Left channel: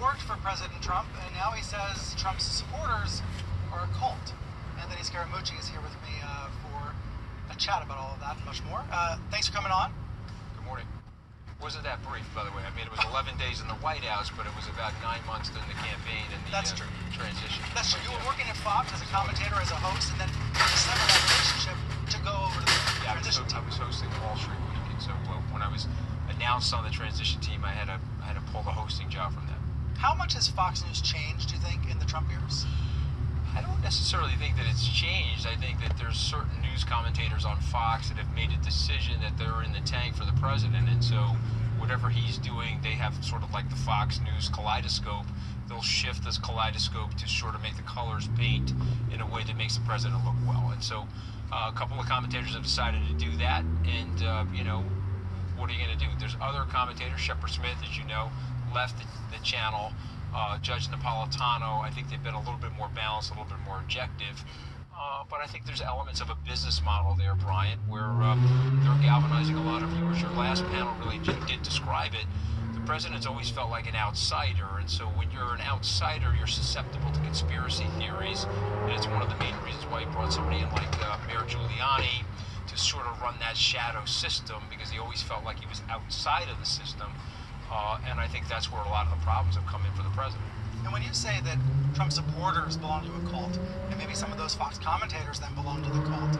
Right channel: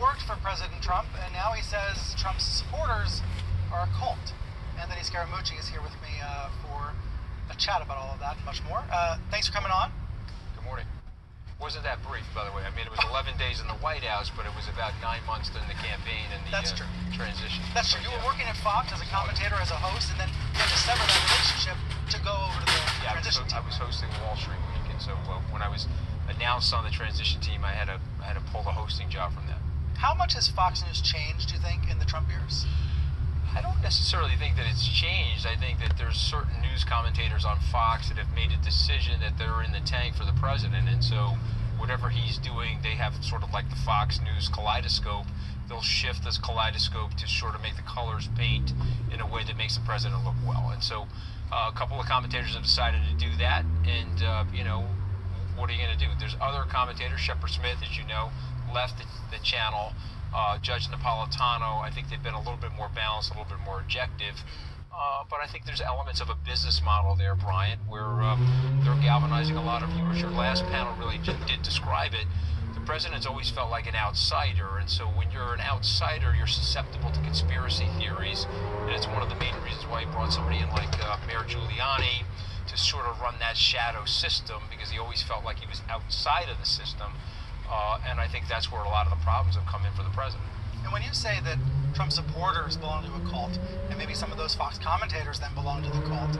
worked for President Trump, and now he says Trump's supporters are a cult. Anthony Scaramucci is here with me for a chat about all of that and much more. Thanks for coming on. Good morning. Wasn't that brief, by the way. I mean, it was 11 days in the White House, but it was about 9 months during the campaign and the transition. That's true. You were working at Fox as a commentator, as a host, and then you had to sever that relationship to go over to the transition team. I was hosting the Wall Street Week, and so when I was announced on the transition team, I had to pull the hosting job from them. How much has Fox News changed, do you think, in the Trump years? I don't necessarily think that it's changed. I think that there's certain news commentators on Fox that have made a decision that they're in the tank for the president, and so whatever he's doing, they have sort of like the Fox News kaleidoscope. They'll shift this kaleidoscope to sort of make the colors paint in a way that makes the president look well. And so a couple of commentators have decided to do that, and, what are you going to do? There's other commentators, Shepard Smith, as you know, left the channel. Judge Napolitano, I think they've been a little bit more balanced, a little bit more objective. But I think there's elements of a business model there, Brian, where they're galvanizing a lot of viewers. Your last panel really did describe it. The president's always felt like an outsider, and so when you're an outsider, you're susceptible to conspiracy theories, and it's one of the main reasons why he brought somebody in like Mayor Giuliani to sort of run that shadow system, because he always felt like he was outside of the system. And I think that's where a lot of the problems have come in for the president. And when you say that Trump supporters belong to a cult, and maybe some of those Fox commentators then belong to the cult,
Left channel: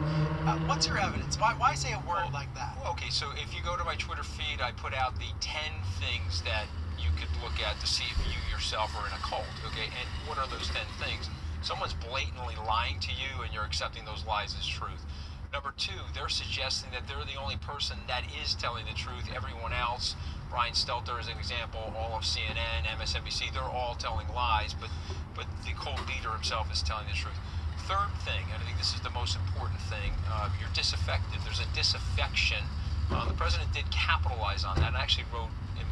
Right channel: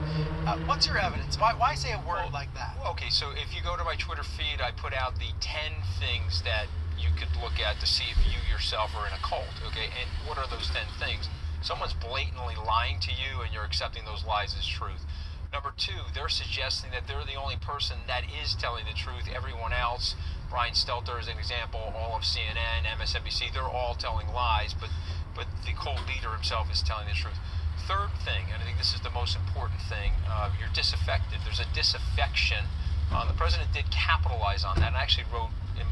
what's your evidence? Why say a word like that? Okay, so if you go to my Twitter feed, I put out the 10 things that you could look at to see if you yourself are in a cult, okay? And what are those 10 things? Someone's blatantly lying to you, and you're accepting those lies as truth. Number 2, they're suggesting that they're the only person that is telling the truth. Everyone else, Brian Stelter is an example, all of CNN, MSNBC, they're all telling lies, but the cult leader himself is telling the truth. Third thing, and I think this is the most important thing, you're disaffected. There's a disaffection. The president did capitalize on that, and I actually wrote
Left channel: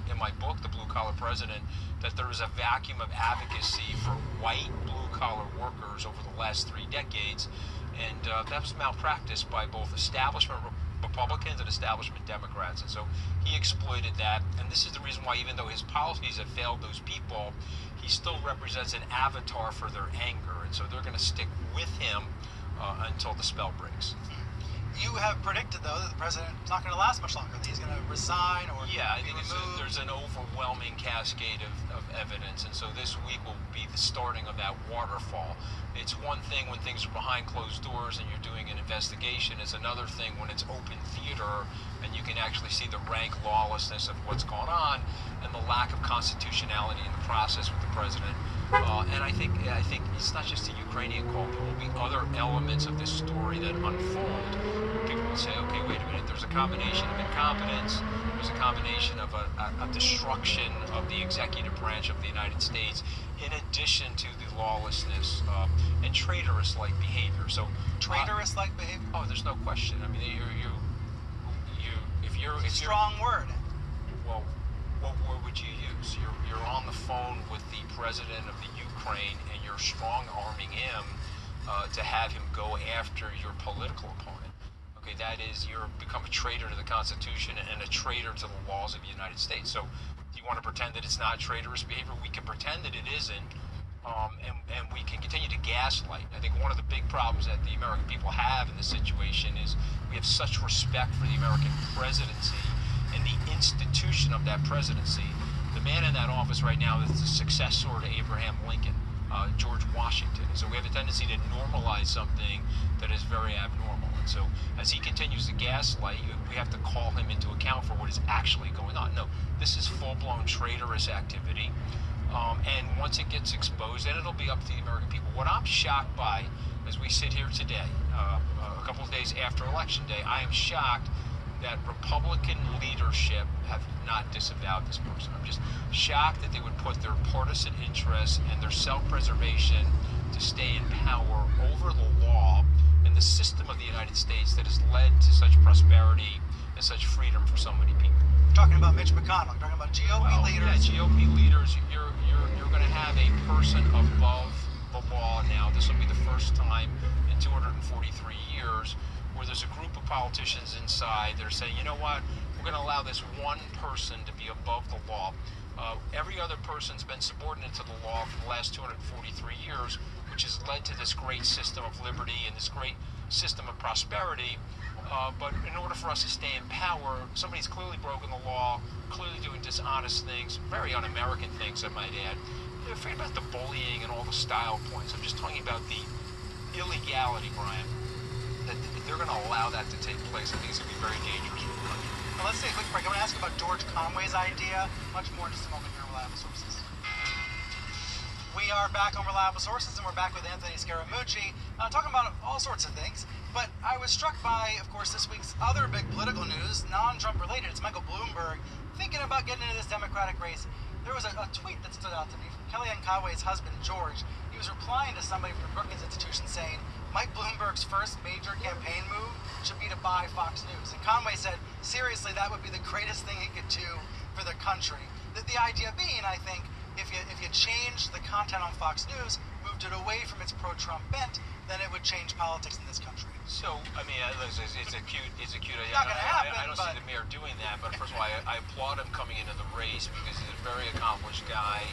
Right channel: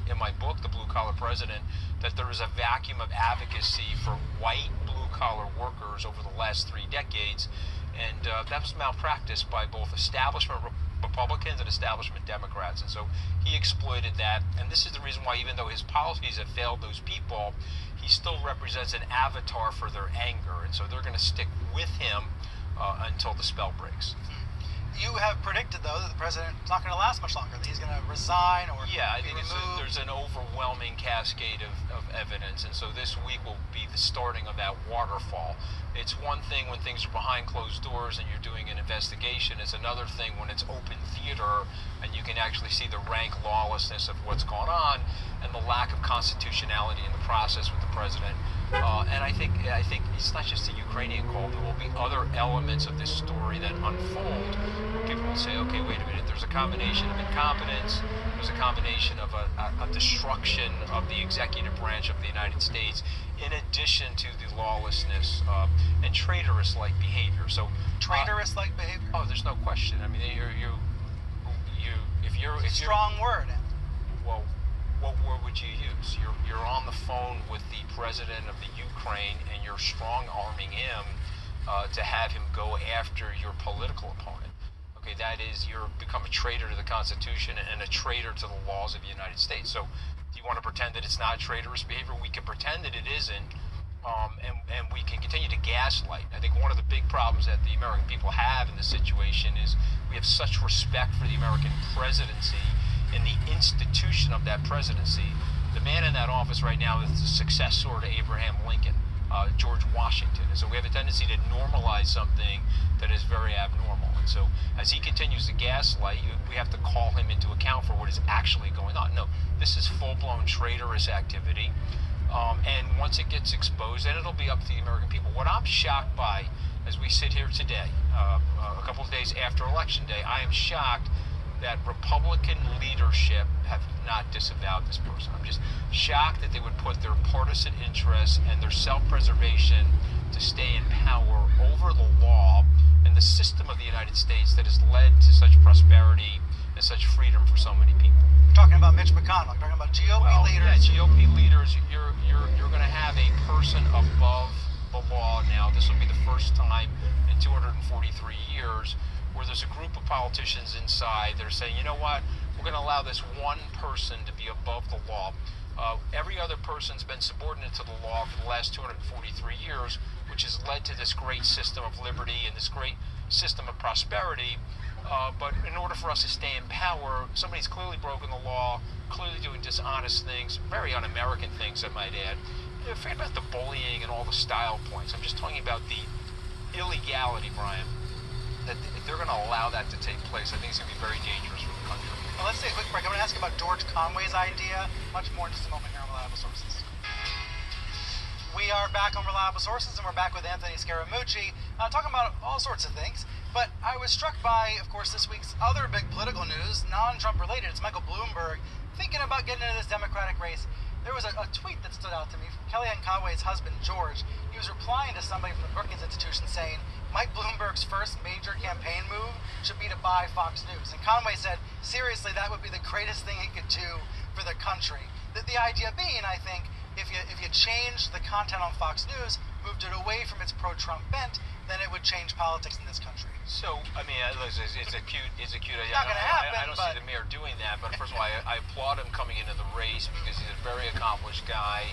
in my book, The Blue Collar President, that there is a vacuum of advocacy for white blue-collar workers over the last 3 decades, and that was malpracticed by both establishment Republicans and establishment Democrats, and so he exploited that. And this is the reason why, even though his policies have failed those people, he still represents an avatar for their anger, and so they're going to stick with him until the spell breaks. You have predicted, though, that the president is not going to last much longer, that he's going to resign or I think removed. There's an overwhelming cascade of evidence, and so this week will be the starting of that waterfall. It's one thing when things are behind closed doors and you're doing an investigation. It's another thing when it's open theater and you can actually see the rank lawlessness of what's going on and the lack of constitutionality in the process with the president. And I think it's not just the Ukrainian call. There will be other elements of this story that unfold. People will say, okay, wait a minute, there's a combination of incompetence, there's a combination of a destruction of the executive branch of the United States, in addition to the lawlessness and traitorous-like behavior. So traitorous-like behavior? Oh, there's no question. I mean, if you're strong word. Well, what word would you use? You're on the phone with the president of the Ukraine, and you're strong-arming him to have him go after your political opponent. Okay, that is, you're become a traitor to the Constitution and a traitor to the laws of the United States. So do you want to pretend that it's not traitorous behavior? We can pretend that it isn't, and we can continue to gaslight. I think one of the big problems that the American people have in this situation is we have such respect for the American presidency and the institution of that presidency. The man in that office right now is the successor to Abraham Lincoln, George Washington. And so we have a tendency to normalize something that is very abnormal. And so as he continues to gaslight, we have to call him into account for what is actually going on. No, this is full-blown traitorous activity. And once it gets exposed, then it'll be up to the American people. What I'm shocked by, as we sit here today, a couple of days after Election Day, I am shocked that Republican leadership have not disavowed this person. I'm just shocked that they would put their partisan interests and their self-preservation to stay in power over the law and the system of the United States that has led to such prosperity and such freedom for so many people. You're talking about Mitch McConnell. You're talking about GOP leaders. Yeah, GOP leaders. You're going to have a person above the law now. This will be the first time in 243 years where there's a group of politicians inside that are saying, you know what, we're going to allow this one person to be above the law. Every other person's been subordinate to the law for the last 243 years, which has led to this great system of liberty and this great system of prosperity. But in order for us to stay in power, somebody's clearly broken the law, clearly doing dishonest things, very un-American things, I might add. Forget about the bullying and all the style points. I'm just talking about the illegality, Brian, that if they're going to allow that to take place, I think it's going to be very dangerous for the country. Well, let's take a quick break. I'm going to ask about George Conway's idea. Much more in just a moment here on Reliable Sources. We are back on Reliable Sources, and we're back with Anthony Scaramucci, talking about all sorts of things. But I was struck by, of course, this week's other big political news, non-Trump related. It's Michael Bloomberg thinking about getting into this Democratic race. There was a tweet that stood out to me from Kellyanne Conway's husband, George. He was replying to somebody from the Brookings Institution saying, Mike Bloomberg's first major campaign move should be to buy Fox News. And Conway said, seriously, that would be the greatest thing he could do for the country. The idea being, I think, if you change the content on Fox News, moved it away from its pro-Trump bent, then it would change politics in this country. So, I mean, it's a cute idea. Not going to happen. I don't see the mayor doing that, but first of all, I applaud him coming into the race because he's a very accomplished guy,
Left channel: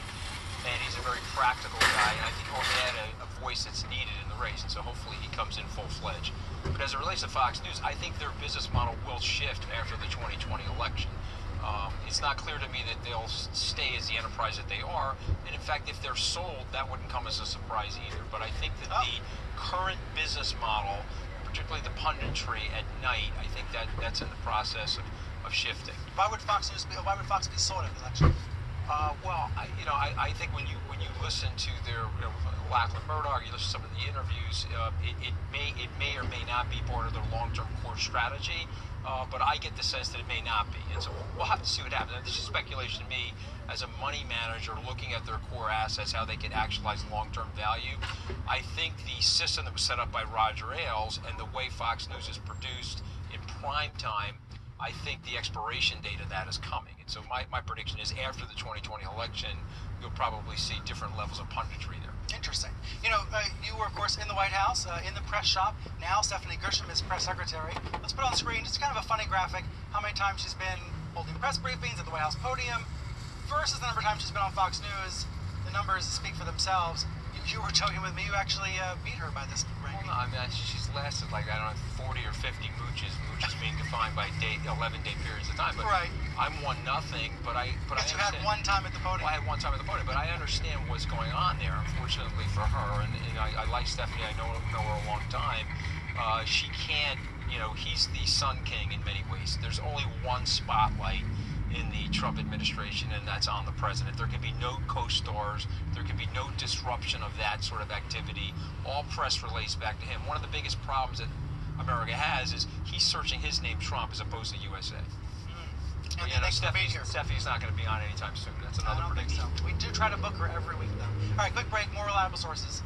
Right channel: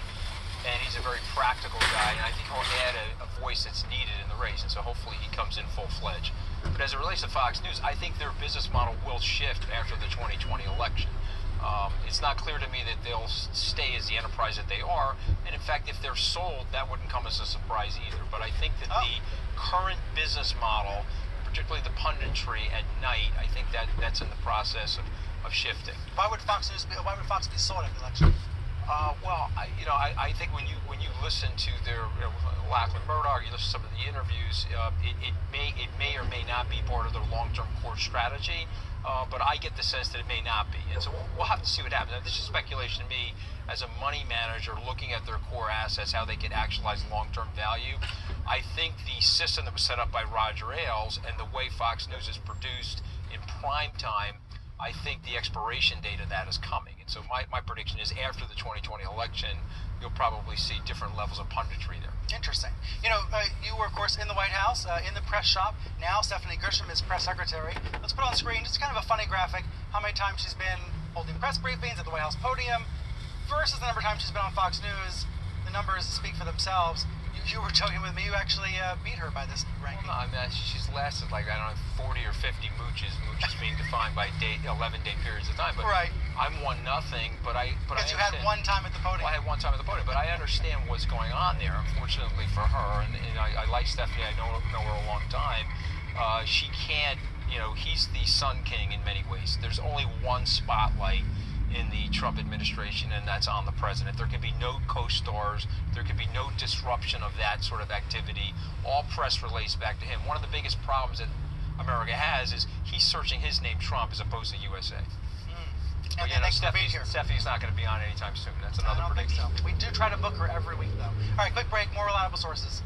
and he's a very practical guy, and I think he'll add a voice that's needed in the race, and so hopefully he comes in full-fledged. But as it relates to Fox News, I think their business model will shift after the 2020 election. It's not clear to me that they'll stay as the enterprise that they are, and in fact, if they're sold, that wouldn't come as a surprise either. But I think that the current business model, particularly the punditry at night, I think that's in the process of shifting. Why would Fox be sold at the election? I think when you listen to their Lachlan Murdoch, you listen to some of the interviews, it may or may not be part of their long-term core strategy. But I get the sense that it may not be. And so we'll have to see what happens. This is speculation to me as a money manager looking at their core assets, how they can actualize long-term value. I think the system that was set up by Roger Ailes and the way Fox News is produced in prime time, I think the expiration date of that is coming. And so my prediction is after the 2020 election, you'll probably see different levels of punditry there. Interesting. You were, of course, in the White House, in the press shop. Now Stephanie Grisham is press secretary. Let's put on screen just kind of a funny graphic, how many times she's been holding press briefings at the White House podium versus the number of times she's been on Fox News. The numbers speak for themselves. You were joking with me. You actually beat her by this ranking. I mean, she's lasted 40 or 50 mooches being defined by 11-day periods of time. But right. I'm 1-0, but you had one time at the podium. Well, I had one time at the podium, but I understand what's going on there, unfortunately for her. And I like Stephanie. I know her a long time. She can't, he's the Sun King in many ways. There's only one spotlight in the Trump administration, and that's on the president. There can be no co-stars. There can be no disruption of that sort of activity. All press relates back to him. One of the biggest problems that America has is he's searching his name Trump as opposed to USA. And then Stephanie's not going to be on anytime soon. That's another prediction. I don't think so. We do try to book her every week, though. All right, quick break. More Reliable Sources.